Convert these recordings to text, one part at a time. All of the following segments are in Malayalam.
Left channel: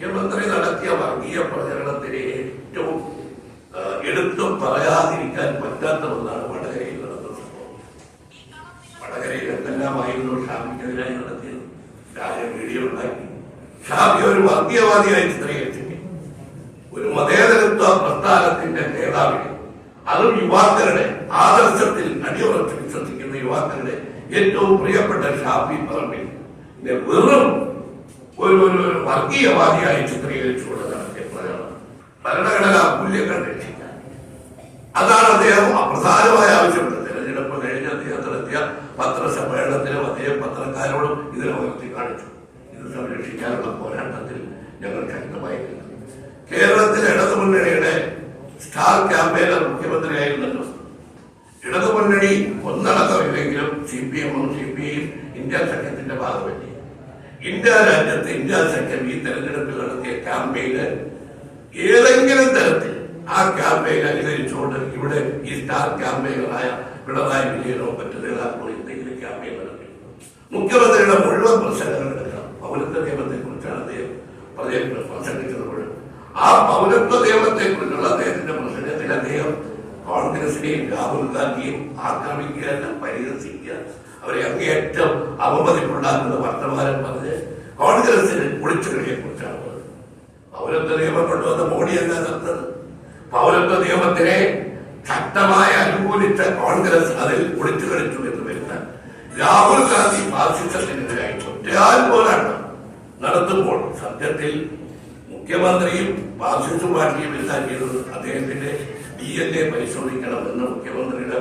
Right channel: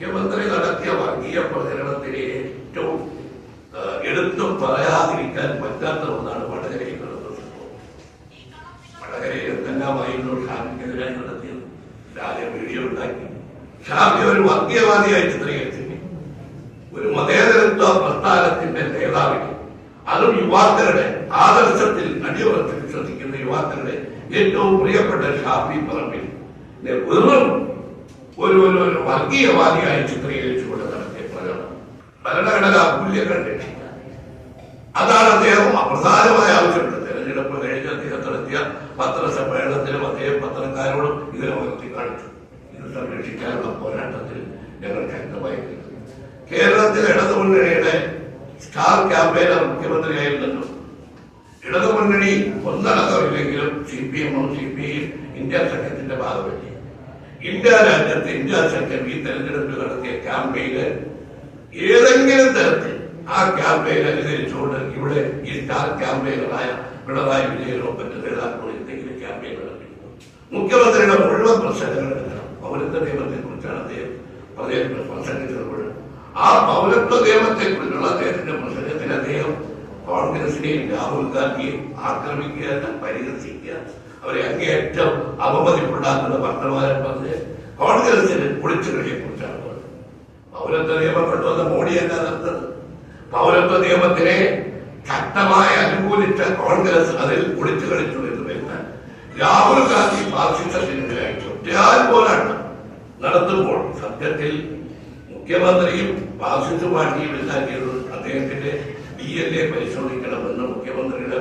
മുഖ്യമന്ത്രി നടത്തിയ വർഗീയ പ്രചരണത്തിന് ഏറ്റവും എടുത്തു പറയാതിരിക്കാൻ പറ്റാത്ത ഒന്നാണ് വടകരയിൽ നടന്നത്. വടകരയിൽ വടകരയിൽ എന്തെല്ലാമായിരുന്നു ഷാമിക്കെതിരായി നടത്തിയത്? ഷാജെ വീഡിയോ ഉണ്ടാക്കി. ഷാബി ഒരു വർഗീയവാദിയായി ചിത്രീകരിച്ചു ഒരു മതേതരത്വ പ്രസ്ഥാനത്തിന്റെ നേതാവിനെ അതും യുവാക്കളുടെ ആദർശത്തിൽ അടിയുറച്ച് വിശ്വസിക്കുന്ന യുവാക്കളുടെ ഏറ്റവും പ്രിയപ്പെട്ട ഷാഫി പറമ്പിൽ. വെറും ഒരു ഒരു വർഗീയവാദിയായി ചിത്രീകരിച്ചുകൊണ്ട് നടത്തിയ പ്രകടനം ഭരണഘടന അമൂല്യം കണ്ടിട്ടില്ല അതാണ് അദ്ദേഹം പ്രധാനമായ ആവശ്യപ്പെട്ടത് തെരഞ്ഞെടുപ്പ് കഴിഞ്ഞ് അദ്ദേഹം നടത്തിയ പത്രസമ്മേളനത്തിലും അദ്ദേഹം പത്രക്കാരോടും ഇതിനെ ഉയർത്തി കാണിച്ചു. ഇത് സംരക്ഷിക്കാനുള്ള പോരാട്ടത്തിൽ ഞങ്ങൾ ശക്തമായി കേരളത്തിലെ ഇടതുമുന്നണിയുടെ സ്റ്റാർ ക്യാമ്പയിനർ മുഖ്യമന്ത്രിയായിരുന്നു ഇടതുമുന്നണി ഒന്നടക്കമില്ലെങ്കിലും സി പി എമ്മും സി പി ഐയും ഇന്ത്യ സഖ്യത്തിന്റെ ഭാഗമല്ലേ ഇന്ത്യ രാജ്യത്ത് ഇന്ത്യ സഖ്യം ഈ തെരഞ്ഞെടുപ്പ് നടത്തിയ ക്യാമ്പയിന് ഏതെങ്കിലും തരത്തിൽ ആ ക്യാമ്പയിൻ അനുകരിച്ചുകൊണ്ട് ഇവിടെ ഈ സ്റ്റാർ ക്യാമ്പയിനായ പിണറായി വിജയനോ മറ്റു നേതാക്കളോ എന്തെങ്കിലും ക്യാമ്പയിൻ നടത്തി. മുഖ്യമന്ത്രിയുടെ മുഴുവൻ പ്രശ്നങ്ങൾ എടുക്കണം. പൗരത്വ നിയമത്തെ കുറിച്ചാണ് അദ്ദേഹം പറഞ്ഞിട്ട് പ്രസംഗിച്ചപ്പോൾ ആ പൗരത്വ നിയമത്തെ കുറിച്ചുള്ള അദ്ദേഹത്തിന്റെ പ്രസംഗത്തിൽ അദ്ദേഹം കോൺഗ്രസിനെയും രാഹുൽ ഗാന്ധിയെയും ആക്രമിക്കുക പരിഹസിക്കുക അവരെ അങ്ങേയറ്റം അവമതിപ്പുണ്ടാക്കുന്ന വർത്തമാനം പറഞ്ഞ് കോൺഗ്രസിന് ഒളിച്ചുകളിയെ കുറിച്ചാണ്. പൗരത്വ നിയമം കൊണ്ടുവന്ന മോഡി മോഡിയല്ല നടന്നത് പൗരത്വ നിയമത്തിനെ ശക്തമായി അനുകൂലിച്ച കോൺഗ്രസ് അതിൽ ഒളിച്ചു കളിച്ചു എന്ന് വരുന്ന രാഹുൽ ഗാന്ധി ഫാസിസത്തിനെതിരായി ഒറ്റയാൽ പോരാട്ടം നടത്തുമ്പോൾ സത്യത്തിൽ മുഖ്യമന്ത്രിയും ഫാസിസ്റ്റ് പാർട്ടിയും ചെയ്തത് അദ്ദേഹത്തിന്റെ ഡി എൻ എ പരിശോധിക്കണമെന്ന് മുഖ്യമന്ത്രിയുടെ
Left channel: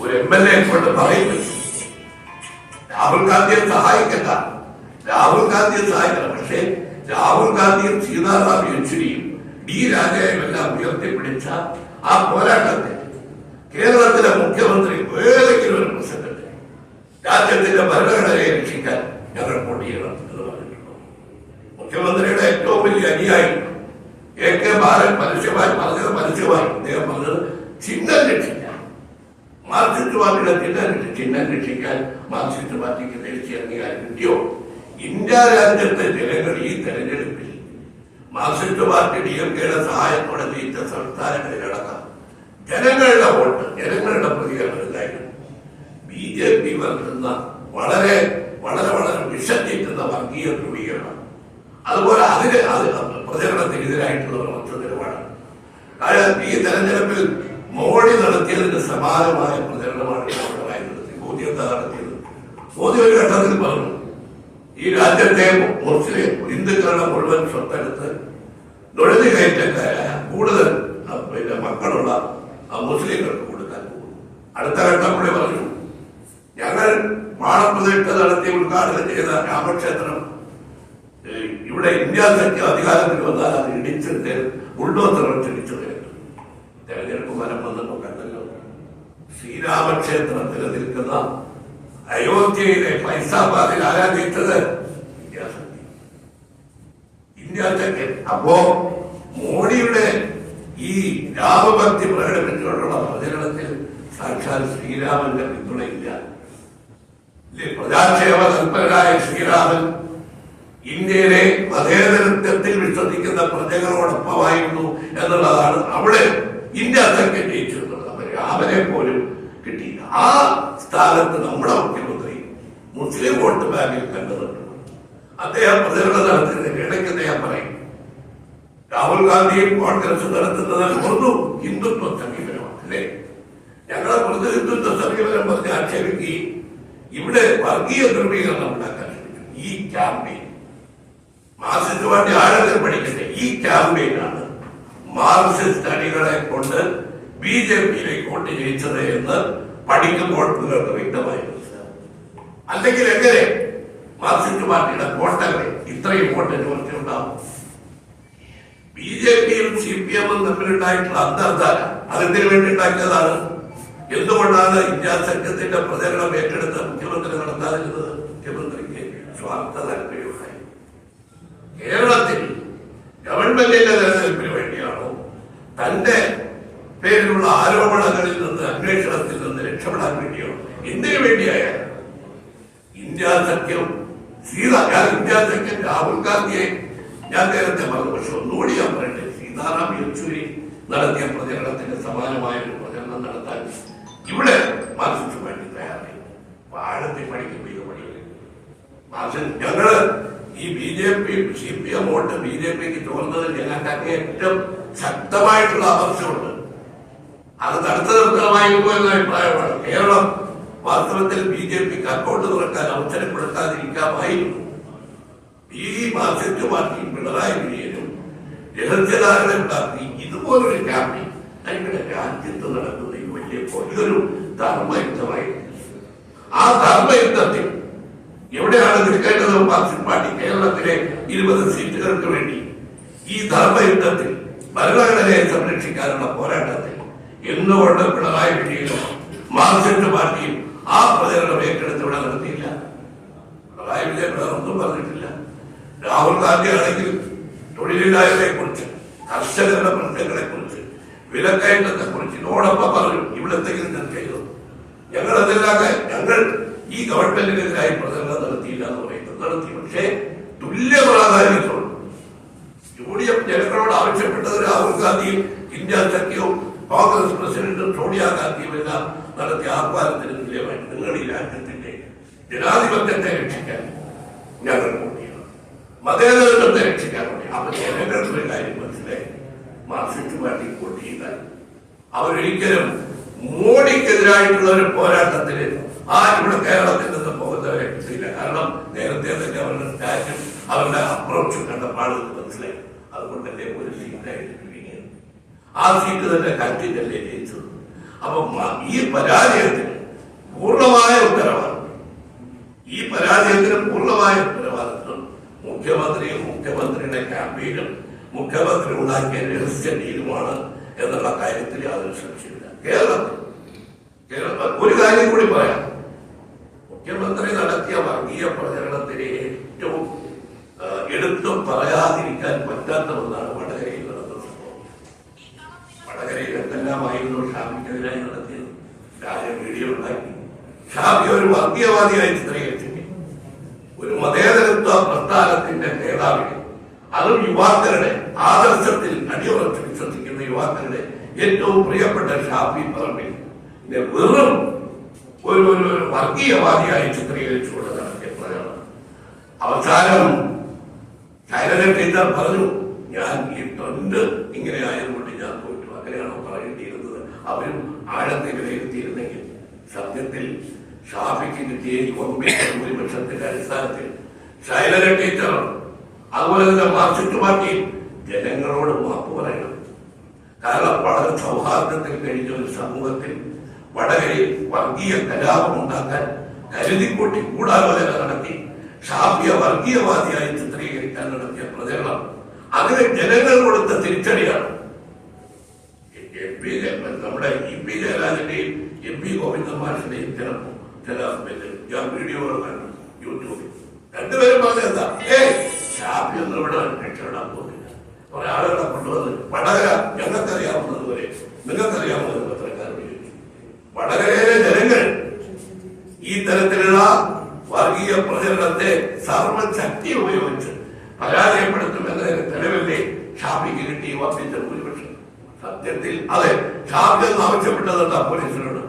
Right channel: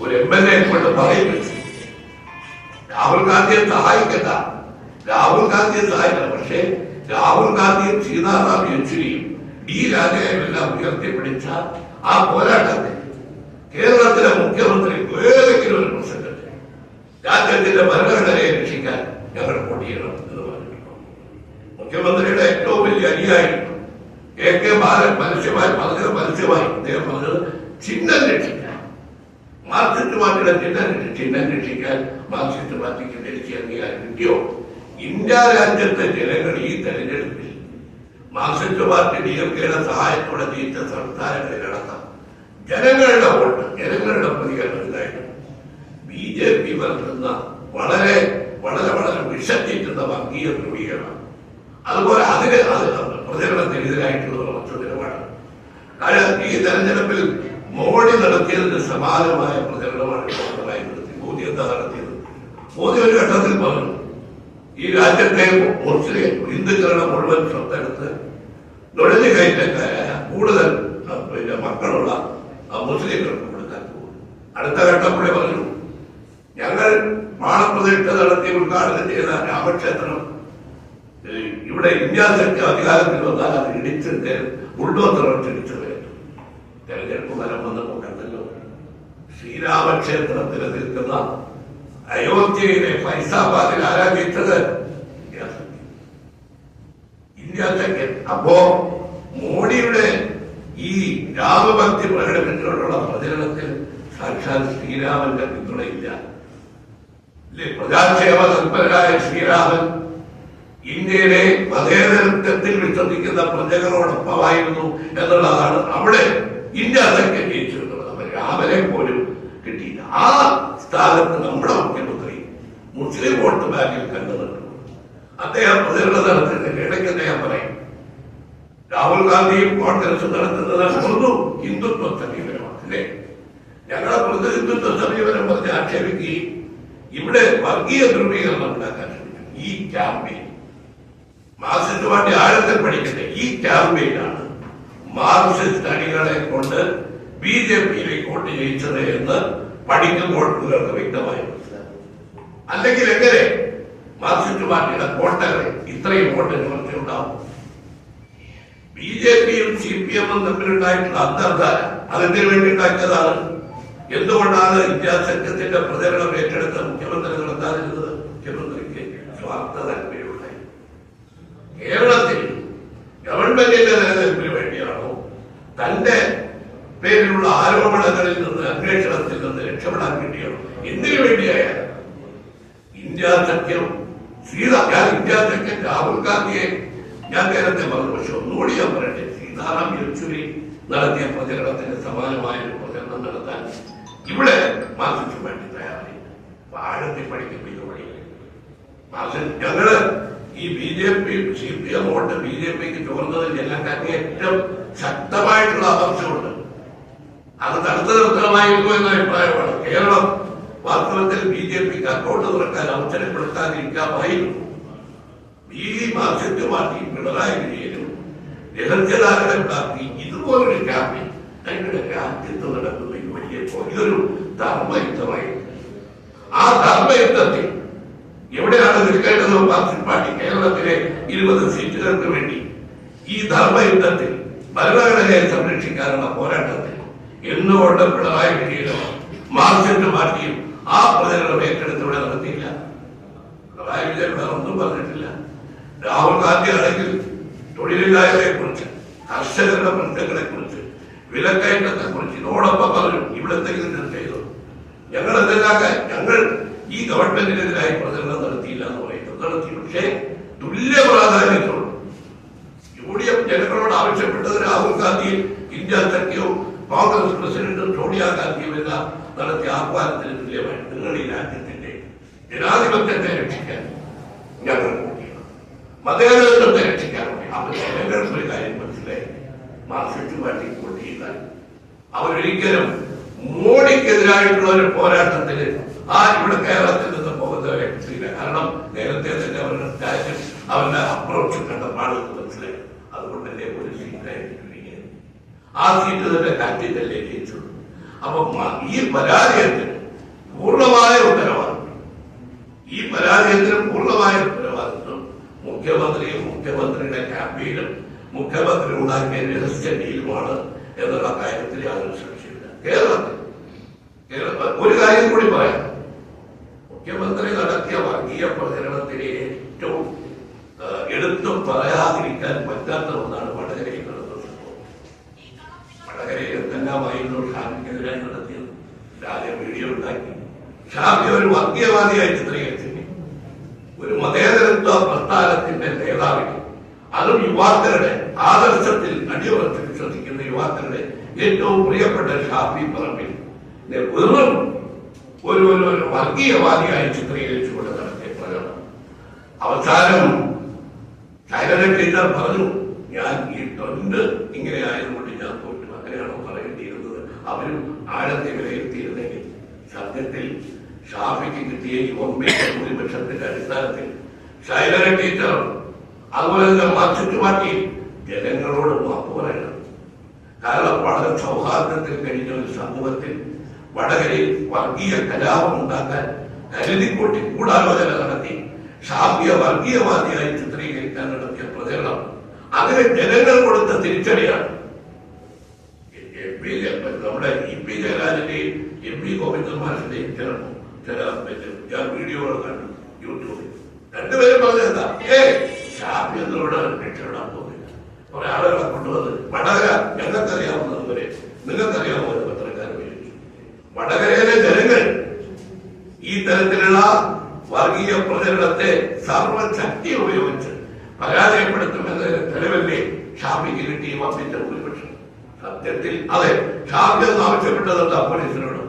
ഒരു എം എൽ എ കൊണ്ട് പറയുന്നു രാഹുൽ ഗാന്ധിയെ സഹായിക്കണ്ട. രാഹുൽ ഗാന്ധിയെ സഹായിക്കണം. പക്ഷേ രാഹുൽ ഗാന്ധിയും സീതാറാം യെച്ചൂരിയും ഡി രാജയുമെല്ലാം ഉയർത്തിപ്പിടിച്ച ആ പോരാട്ടത്തിൽ കേരളത്തിലെ മുഖ്യമന്ത്രി ഏതെങ്കിലും ഒരു പ്രസംഗത്തിൽ രാജ്യത്തിന്റെ ഭരണഘടനയെ രക്ഷിക്കാൻ ഞങ്ങൾ പൊടിയണം എന്ന് പറഞ്ഞിട്ടുണ്ട്. മുഖ്യമന്ത്രിയുടെ ഏറ്റവും വലിയ അനുയായി എ കെ ബാലൻ പരസ്യമായി പറഞ്ഞത് പരസ്യമായി അദ്ദേഹം പറഞ്ഞത് ചിഹ്നം രക്ഷിക്കാൻ. മാർക്സിസ്റ്റ് പാർട്ടിയുടെ ചിഹ്നം ചിഹ്നം രക്ഷിക്കാൻ മാർക്സിസ്റ്റ് പാർട്ടിക്ക് ദേശീയ അംഗീകാരം കിട്ടിയോ ഇന്ത്യ രാജ്യത്തെ ജനങ്ങൾ ഈ തെരഞ്ഞെടുപ്പിൽ മാർക്സിസ്റ്റ് പാർട്ടി ഡി എം കെയുടെ സഹായത്തോടെ ജയിച്ച സംസ്ഥാനങ്ങളിൽ നടന്ന ജനങ്ങളുടെ വോട്ട് ജനങ്ങളുടെ പ്രതികരണമുണ്ടായിരുന്നു ബി ജെ പി വന്നിരുന്ന വളരെ വളരെ വളരെ വിഷഞ്ഞിട്ടുന്ന വർഗീയ ധ്രുവീകരണം. അതുപോലെ അതിന് അത് പ്രചരണത്തിനെതിരായിട്ടുള്ള ഒരു ഒറ്റ നിലപാടാണ് ഈ തെരഞ്ഞെടുപ്പിൽ മോഡി നടത്തിയതിന് സമാനമായ പ്രചരണമാണ് പിണറായി നടത്തിയത് മോദി എന്താ നടത്തിയത്? മോദി ഒരു ഘട്ടത്തിൽ പറഞ്ഞു ഈ രാജ്യത്തെ മുസ്ലിം ഹിന്ദുക്കളുടെ മുഴുവൻ സ്വത്തെടുത്ത് നുഴഞ്ഞു കയറ്റക്കാരായ കൂടുതൽ പിന്നെ മക്കളുള്ള മുസ്ലിങ്ങൾക്ക് കൊടുക്കാൻ പോകും അടുത്ത ഘട്ടം കൂടി പറഞ്ഞു ഞങ്ങൾ മാണപ്രതിഷ്ഠ നടത്തി ഉദ്ഘാടനം ചെയ്ത രാമക്ഷേത്രം ഇവിടെ ഇന്ത്യ സഖ്യ അധികാരത്തിൽ വന്നാൽ അത് ഇടിച്ച് ഉൾവന്ത്രം ഇടിച്ചത് തെരഞ്ഞെടുപ്പ് ഫലം വന്നപ്പോൾ കണ്ടല്ലോ. ശ്രീരാമക്ഷേത്രത്തിൽ നിൽക്കുന്ന അയോധ്യയിലെ ഫൈസാബാദിൽ ആരാധിച്ചത് ഇന്ത്യ അപ്പോ മോഡിയുടെ ഈ രാമഭക്തി പ്രകടനത്തിലുള്ള പ്രചരണത്തിൽ സാക്ഷാൽ ശ്രീരാമന്റെ പിന്തുണയില്ല? പ്രജാക്ഷേമ തൽപരനായ ശ്രീരാമൻ ഇന്ത്യയിലെ മതേതരത്വത്തിൽ വിശ്വസിക്കുന്ന പ്രജകളോടൊപ്പമായിരുന്നു എന്നുള്ളതാണ് അവിടെ ഇന്ത്യ അതൊക്കെ ജയിച്ചു എന്നുള്ളത് രാമനെ പോലും കിട്ടിയില്ല. ആ സ്ഥാനത്ത് നമ്മുടെ മുഖ്യമന്ത്രി മുസ്ലിം വോട്ട് ബാങ്കിൽ കണ്ടു നിന്നു അദ്ദേഹം പ്രതികരണം നടത്തുന്നതിന്റെ ഇടയ്ക്ക് അദ്ദേഹം പറയും രാഹുൽ ഗാന്ധിയും കോൺഗ്രസ് നടത്തുന്നത് ഒന്നും ഹിന്ദുത്വ സമീപനമാണ് അല്ലേ? ഞങ്ങളെ പൊതു ഹിന്ദുത്വ സമീപനം പറഞ്ഞ് ആക്ഷേപിക്കുകയും ഇവിടെ വർഗീയ ധ്രുവീകരണം ഉണ്ടാക്കാൻ ശ്രമിക്കും ഈ ക്യാമ്പയിൻ. മാസത്തിന് വേണ്ടി ആഴത്തിൽ പഠിക്കട്ടെ ഈ ക്യാമ്പയിനാണ് മാർക്സിസ്റ്റ് അണികളെ കൊണ്ട് ബി ജെ പിയിലേക്ക് വോട്ട് ജയിച്ചത് എന്ന് പഠിക്കുമ്പോൾ നിങ്ങൾക്ക് വ്യക്തമായി മനസ്സിലാവും അല്ലെങ്കിൽ എങ്ങനെ മാർക്സിസ്റ്റ് പാർട്ടിയുടെ കോട്ടകൾ ഇത്രയും വോട്ട് നിവർത്തിയുണ്ടാവും ബി ജെ പിയും സി പി എമ്മും തമ്മിലുണ്ടായിട്ടുള്ള അന്തർധാര അതെന്തിനു വേണ്ടി ഉണ്ടാക്കിയതാണ്. എന്തുകൊണ്ടാണ് ഇന്ത്യാ സംഘത്തിന്റെ പ്രചരണം ഏറ്റെടുത്ത മുഖ്യമന്ത്രി നടത്താതിരുന്നത്? മുഖ്യമന്ത്രിക്ക് സ്വാർത്ഥ താല്പര്യമുണ്ടായി. കേരളത്തിൽ ഗവൺമെന്റിന്റെ നിലനിൽപ്പിന് വേണ്ടിയാണോ? തന്റെ പേരിലുള്ള ആരോപണങ്ങളിൽ നിന്ന് അന്വേഷണത്തിൽ നിന്ന് രക്ഷപ്പെടാൻ വേണ്ടിയാണോ? എന്തിനു വേണ്ടിയായാലും. ഇന്ത്യ സഖ്യം സീത ഞാൻ ഇന്ത്യ സഖ്യം രാഹുൽ ഗാന്ധിയെ ഞാൻ നേരത്തെ പറഞ്ഞു പക്ഷെ ഒന്നുകൂടി ഞാൻ പറയട്ടെ. സീതാറാം യെച്ചൂരി നടത്തിയ പ്രചരണത്തിന് സമാനമായ ഒരു പ്രചരണം നടത്താൻ ഇവിടെ മാർക്സിസ്റ്റ് വേണ്ടി തയ്യാറായി. ആഴത്തിൽ പഠിക്കും ഇത് പഠിക്കും മാർക്സിസ്റ്റ് ഞങ്ങൾ ഈ B J P C P M vote B J പിക്ക് ചോർന്നത് ഞങ്ങൾക്ക് ഏറ്റവും ശക്തമായിട്ടുള്ള അപർച്ചയുണ്ട് അത് തടുത്തു നിർത്തലമായിരിക്കും എന്ന അഭിപ്രായമാണ്. കേരളം വാസ്തവത്തിൽ ബി ജെ പിക്ക് അക്കൗണ്ട് തുറക്കാൻ അവസരപ്പെടുത്താതിരിക്കാമായിരുന്നു ഈ മാർക്സിസ്റ്റ് പാർട്ടി പിണറായി വിജയനും രഹസ്യധാരണ പാർട്ടി ഇതുപോലൊരു ക്യാമ്പയിൻ. ഞങ്ങളുടെ രാജ്യത്ത് നടക്കുന്ന ഈ വലിയ ഇതൊരു ധർമ്മയുദ്ധമായിരുന്നു ആ ധർമ്മയുദ്ധത്തിൽ എവിടെയാണ് നിൽക്കേണ്ടത് മാർക്സിസ്റ്റ് പാർട്ടി കേരളത്തിലെ ഇരുപത് സീറ്റുകൾക്ക് വേണ്ടി ഈ ധർമ്മയുദ്ധത്തിൽ ഭരണഘടനയെ സംരക്ഷിക്കാനുള്ള പോരാട്ടത്തിൽ എന്തുകൊണ്ട് പിണറായി വിജയനോ മാർക്സിസ്റ്റ് പാർട്ടിയും ആ പ്രചരണം ഏറ്റെടുത്ത് ഇവിടെ നടത്തിയില്ല. പിണറായി വിജയൻ വേറൊന്നും പറഞ്ഞിട്ടില്ല. രാഹുൽ ഗാന്ധി ആണെങ്കിൽ തൊഴിലില്ലായ്മയെ കുറിച്ച് കർഷകരുടെ പ്രശ്നങ്ങളെ കുറിച്ച് വിലക്കയറ്റത്തെ കുറിച്ച് ഇതോടൊപ്പം പറഞ്ഞു. ഇവിടെ എന്തെങ്കിലും ചെയ്തു. ഞങ്ങൾ അതെല്ലാം ഞങ്ങൾ ഈ ഗവൺമെന്റിനെതിരായി പ്രചരണം നടത്തിയില്ല എന്ന് പറയുന്നത് നടത്തി. പക്ഷേ തുല്യ പ്രാധാന്യത്തോട് യു ഡി എഫ് ജനങ്ങളോട് ആവശ്യപ്പെട്ടത് രാഹുൽ ഗാന്ധിയും ഇന്ത്യ സഖ്യവും കോൺഗ്രസ് പ്രസിഡന്റും സോണിയാഗാന്ധിയും എല്ലാം നടത്തിയ ആഹ്വാനത്തിന് തുല്യമായിട്ട് നിങ്ങൾ ഈ രാജ്യത്തിന്റെ ജനാധിപത്യത്തെ രക്ഷിക്കാൻ ഞങ്ങൾ മതേതരത്വത്തെ രക്ഷിക്കാൻ അപ്പൊ ജനങ്ങളുടെ കാര്യം മനസ്സിലായി. മാർക്സിസ്റ്റ് പാർട്ടി വോട്ട് ചെയ്താൽ അവരൊരിക്കലും മോഡിക്കെതിരായിട്ടുള്ള ഒരു പോരാട്ടത്തിന് ആ ഇവിടെ കേരളത്തിന്റെ നിന്ന് പോകുന്നവരില്ല കാരണം നേരത്തെ തന്നെ അവരുടെ സ്റ്റാറ്റസ് അവരുടെ അപ്രോച്ച് കണ്ട പാടുന്നത് മനസ്സിലായി. അതുകൊണ്ട് തന്നെ ഒരു സീറ്റായിട്ട് ആ സീറ്റ് തന്നെ കാറ്റിന്റെ ജയിച്ചത്. അപ്പൊ ഈ പരാജയത്തിന് പൂർണമായ ഉത്തരവാദിത്വം. ഈ പരാജയത്തിന് പൂർണമായ ഉത്തരവാദിത്വം മുഖ്യമന്ത്രിയും മുഖ്യമന്ത്രിയുടെ ക്യാമ്പയിനും മുഖ്യമന്ത്രി ഉണ്ടാക്കിയ രഹസ്യ ഡീലുമാണ് എന്നുള്ള കാര്യത്തിൽ യാതൊരു സംശയമില്ല കേരളത്തിൽ. കേരള ഒരു കാര്യം കൂടി പറയാം. മുഖ്യമന്ത്രി നടത്തിയ വർഗീയ പ്രചരണത്തിന് ഏറ്റവും എടുത്തു പറയാതിരിക്കാൻ പറ്റാത്ത ഒന്നാണ് വടകരയിൽ നടത്തുന്നത്. വടകരയിൽ എന്തെല്ലാമായിരുന്നു ഷാമിക്കെതിരായി നടത്തിയത്? രാജ വീഡിയോ ഉണ്ടാക്കി. ഷാമി ഒരു വർഗീയവാദിയായി ചിത്രീകരിച്ചിട്ടുണ്ട് ഒരു മതേതരത്വ പ്രസ്ഥാനത്തിന്റെ നേതാവിനെ അതും യുവാക്കളുടെ ആദർശത്തിൽ അടിയുറച്ച് വിശ്വസിക്കുന്ന യുവാക്കളുടെ ഏറ്റവും പ്രിയപ്പെട്ട ഷാഫി പറമ്പിൽ. വെറും ഒരു ഒരു വർഗീയവാദിയായി ചിത്രീകരിച്ചുകൊണ്ട് നടത്തിയ പ്രകടനം. അവസാനം ശൈലജ ടീച്ചർ പറഞ്ഞു ഞാൻ ഈ തൊണ്ട് ഇങ്ങനെ ആയതുകൊണ്ട് ഞാൻ തോറ്റു. അങ്ങനെയാണോ പറയേണ്ടിയിരുന്നത്? അവരും ആഴത്തെ വിലയിരുത്തിയിരുന്നെങ്കിൽ സത്യത്തിൽ ഷാഫിക്ക് കിട്ടിയ ഈ ഭൂരിപക്ഷത്തിന്റെ അടിസ്ഥാനത്തിൽ ശൈലജ ടീച്ചർ അതുപോലെ തന്നെ മാർക്സിസ്റ്റ് പാർട്ടി ജനങ്ങളോട് മാപ്പ് പറയണം. കാരണം വളരെ സൗഹാർദ്ദത്തിൽ കഴിഞ്ഞ ഒരു സമൂഹത്തിൽ വടകരയിൽ വർഗീയ കലാപം ഉണ്ടാക്കാൻ കരുതിക്കൂട്ടി കൂടാലോചന നടത്തി ഷാഫിയ വർഗീയവാദിയായി ചിത്രീകരിക്കാൻ നടത്തിയ പ്രചരണം അതിന് ജനങ്ങൾ കൊടുത്ത തിരിച്ചടിയാണ്. എം പി നമ്മുടെ ഇ പി ജയരാജന്റെയും എം പി ഗോവിന്ദൻ മാഷിന്റെയും ചില ചില ഞാൻ വീഡിയോകൾ കണ്ടു യൂട്യൂബിൽ. രണ്ടുപേരും ഇവിടെ രക്ഷപ്പെടാൻ പോകുന്നില്ല. കുറെ ആളുകളെ കൊണ്ടുവന്ന് വടകര ഞങ്ങൾക്കറിയാവുന്നത് വരെ നിങ്ങൾക്കറിയാവുന്നത് പത്രക്കാർ വിളിച്ചു വടകരയിലെ ജനങ്ങൾ ഈ തരത്തിലുള്ള വർഗീയ പ്രചരണത്തെ സർവശക്തി ഉപയോഗിച്ച് പരാജയപ്പെടുത്തുമെന്നതിന് തെളിവല്ലേ ഷാഫിക്ക് കിട്ടി വർദ്ധിച്ച ഭൂരിപക്ഷം? സത്യത്തിൽ അതെ. ഷാഫി എന്ന് ആവശ്യപ്പെട്ടതുണ്ട് പോലീസിനോട്.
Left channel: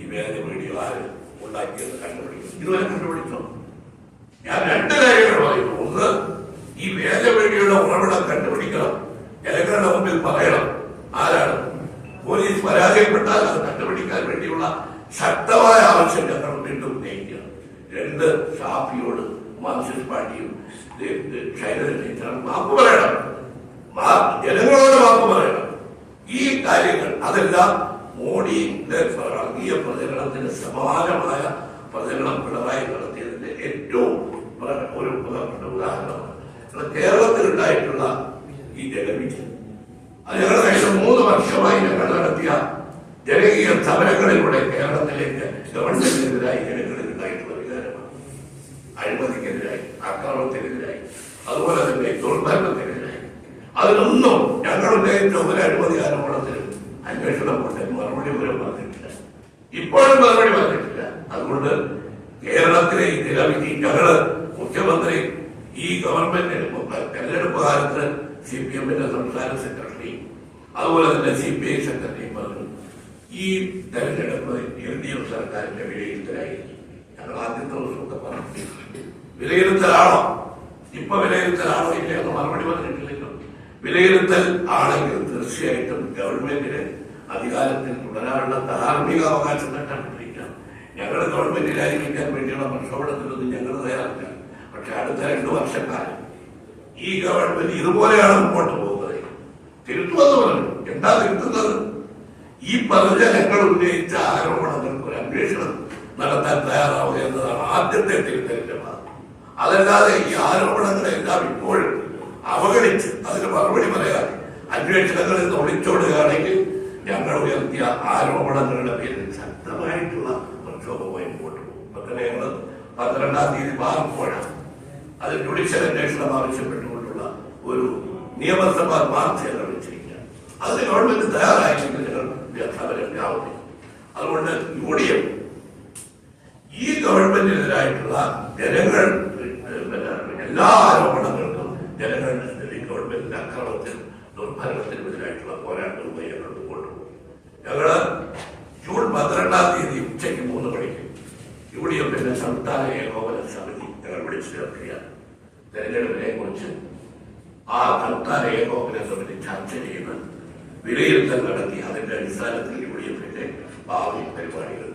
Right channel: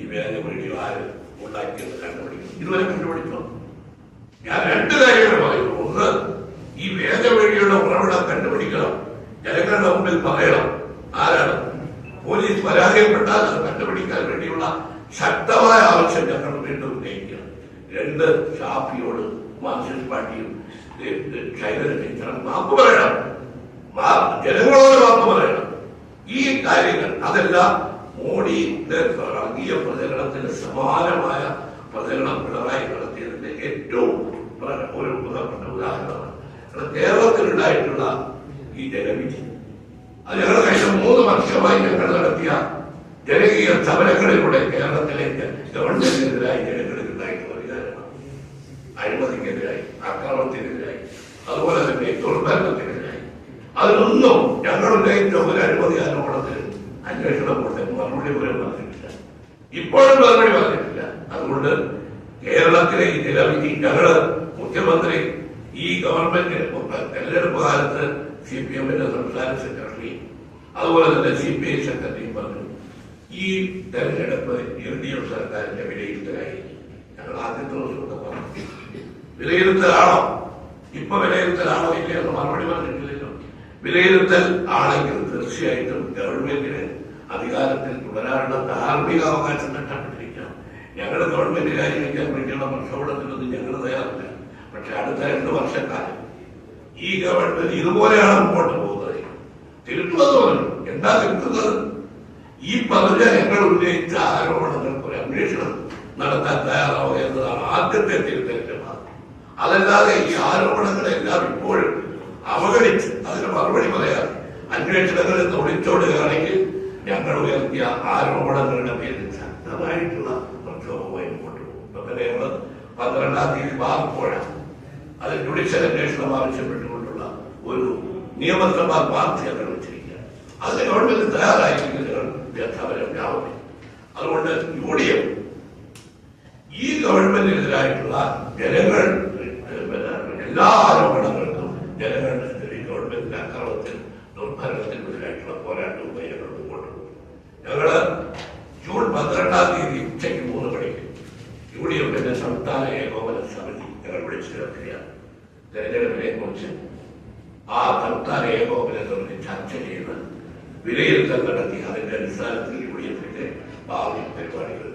ഈ വേദ വീഡിയോ ആര് ഉണ്ടാക്കിയെന്ന് കണ്ടുപിടിക്കും. ഇതുവരെ കണ്ടുപിടിച്ചോ? ഞാൻ രണ്ട് കാര്യങ്ങൾ പറയുന്നു. ഒന്ന് ഈ വേദ വീഡിയോയുടെ ഉറവിടം കണ്ടുപിടിക്കണം. ജനങ്ങളുടെ മുമ്പിൽ പറയണം. ആരാണ്? പോലീസ് പരാജയപ്പെട്ടാൽ അത് കണ്ടുപിടിക്കാൻ ശക്തമായ ആവശ്യം ഞങ്ങൾ വീണ്ടും ഉന്നയിക്കുക രണ്ട് ഷാഫിയോട് മാർക്സിസ്റ്റ് പാർട്ടിയും ശൈലജ ടീച്ചറും മാപ്പ് പറയണം. ജനങ്ങളോട് മാപ്പ് പറയണം. ഈ കാര്യങ്ങൾ അതെല്ലാം മോഡിന്റെ വർഗീയ പ്രചരണത്തിന് സമാനമായ പ്രചരണം പിണറായി നടത്തിയതിന്റെ ഏറ്റവും ഒരു പ്രധാനപ്പെട്ട ഉദാഹരണമാണ്. കേരളത്തിലുണ്ടായിട്ടുള്ള ഈ ജനവിധി അത് ഏകദേശം മൂന്ന് വർഷമായി ഞങ്ങൾ നടത്തിയ ജനകീയ സമരങ്ങളിലൂടെ കേരളത്തിലേക്ക് ഗവൺമെന്റിനെതിരായി ജനങ്ങൾക്കുണ്ടായിട്ടുള്ള വികാരമാണ് അഴിമതിക്കെതിരായി അക്രമത്തിനെതിരായി അതുപോലെ തന്നെ ദുർഭരണത്തിനെതിരായി അതിനൊന്നും ഞങ്ങൾ ഉന്നയിച്ച ഒരു അഴിമതി ആരോപണത്തിന് അന്വേഷണം കൊണ്ട് മറുപടി പോലും പറഞ്ഞിട്ടില്ല. ഇപ്പോഴും മറുപടി പറഞ്ഞിട്ടില്ല. അതുകൊണ്ട് കേരളത്തിലെ ഈ നിലവിധി ഞങ്ങൾ മുഖ്യമന്ത്രി ഈ ഗവൺമെന്റിന് തെരഞ്ഞെടുപ്പ് കാലത്ത് സി പി എമ്മിന്റെ സംസ്ഥാന സെക്രട്ടറി അതുപോലെ തന്നെ സി പി ഐ സെക്രട്ടറിയും പറഞ്ഞു. ഈ തെരഞ്ഞെടുപ്പ് എൽ ഡി എഫ് സർക്കാരിന്റെ വിലയിരുത്തലായിരിക്കും. ഞങ്ങൾ ആദ്യത്തെ ദിവസമൊക്കെ പറഞ്ഞു. വിലയിരുത്തലാണോ? ഇപ്പൊ വിലയിരുത്തലാണോ ഇല്ല എന്ന് മറുപടി പറഞ്ഞിട്ടില്ലല്ലോ. വിലയിരുത്തൽ ആണെങ്കിൽ തീർച്ചയായിട്ടും ഗവൺമെന്റിന് അധികാരത്തിൽ തുടരാനുള്ള ധാർമ്മിക അവകാശം നഷ്ടപ്പെട്ടിരിക്കണം ഞങ്ങൾ ഗവൺമെന്റ് രാജിവെക്കാൻ വേണ്ടിയുള്ള പ്രക്ഷോഭത്തിലൊന്നും ഞങ്ങൾ തയ്യാറില്ല. പക്ഷെ അടുത്ത രണ്ട് വർഷക്കാലം ഈ ഗവൺമെന്റ് ഇതുപോലെയാണ് മുമ്പോട്ട് പോകുന്നത്. തിരുത്തുമെന്ന് പറഞ്ഞു. എന്താ തിരുത്തുന്നത്? ഈ പറഞ്ഞ ഞങ്ങൾ ഉന്നയിച്ച ആരോപണങ്ങൾക്ക് ഒരു അന്വേഷണം നടത്താൻ തയ്യാറാവുക എന്നതാണ് ആദ്യത്തെ തിരുത്തലിന്റെ അതല്ലാതെ ഈ ആരോപണങ്ങളെല്ലാം ഇപ്പോഴും അവഗണിച്ച് അതിന് മറുപടി പറയാൻ അന്വേഷണങ്ങളിൽ നിന്ന് ഒളിച്ചോടുകയാണെങ്കിൽ ഞങ്ങൾ ഉയർത്തിയ ആരോപണങ്ങളുടെ പേരിൽ ശക്തമായിട്ടുള്ള പ്രക്ഷോഭമായി മുമ്പോട്ട് പോകും. ഇപ്പൊ തന്നെ ഞങ്ങൾ പന്ത്രണ്ടാം തീയതി മാറുമ്പോഴാണ് അത് ജുഡീഷ്യൽ അന്വേഷണം ആവശ്യപ്പെട്ടുകൊണ്ടുള്ള ഒരു നിയമസഭാ വാർത്ത ഞങ്ങൾ വെച്ചിരിക്കുക അതിന് ഗവൺമെന്റ് തയ്യാറായിട്ടുണ്ട് ഞങ്ങൾ സമരം വ്യാപിക്കും അതുകൊണ്ട് യു ഡി എഫ് ഈ ഗവൺമെന്റിനെതിരായിട്ടുള്ള ജനങ്ങൾ എല്ലാ ആരോപണങ്ങൾക്കും ജനങ്ങൾ ഈ ഗവൺമെന്റിന്റെ അക്രമത്തിൽ ദുർഭരണത്തിനെതിരായിട്ടുള്ള പോരാട്ടവുമായി ഞങ്ങൾ മുമ്പോട്ട് പോകും. ഞങ്ങൾ ജൂൺ പന്ത്രണ്ടാം തീയതി ഉച്ചയ്ക്ക് മൂന്ന് മണിക്ക് യു ഡി എഫിന്റെ സംസ്ഥാന ഏകോപന സമിതി ഞങ്ങൾ വിളിച്ചു ചേർക്കുകയാണ്. തെരഞ്ഞെടുപ്പിനെ കുറിച്ച് ആ സംസ്ഥാന ഏകോപന സമിതി ചർച്ച ചെയ്ത് വിലയിരുത്തൽ നടത്തി അതിന്റെ അടിസ്ഥാനത്തിൽ യു ഡി എഫിന്റെ ഭാവി പരിപാടികൾ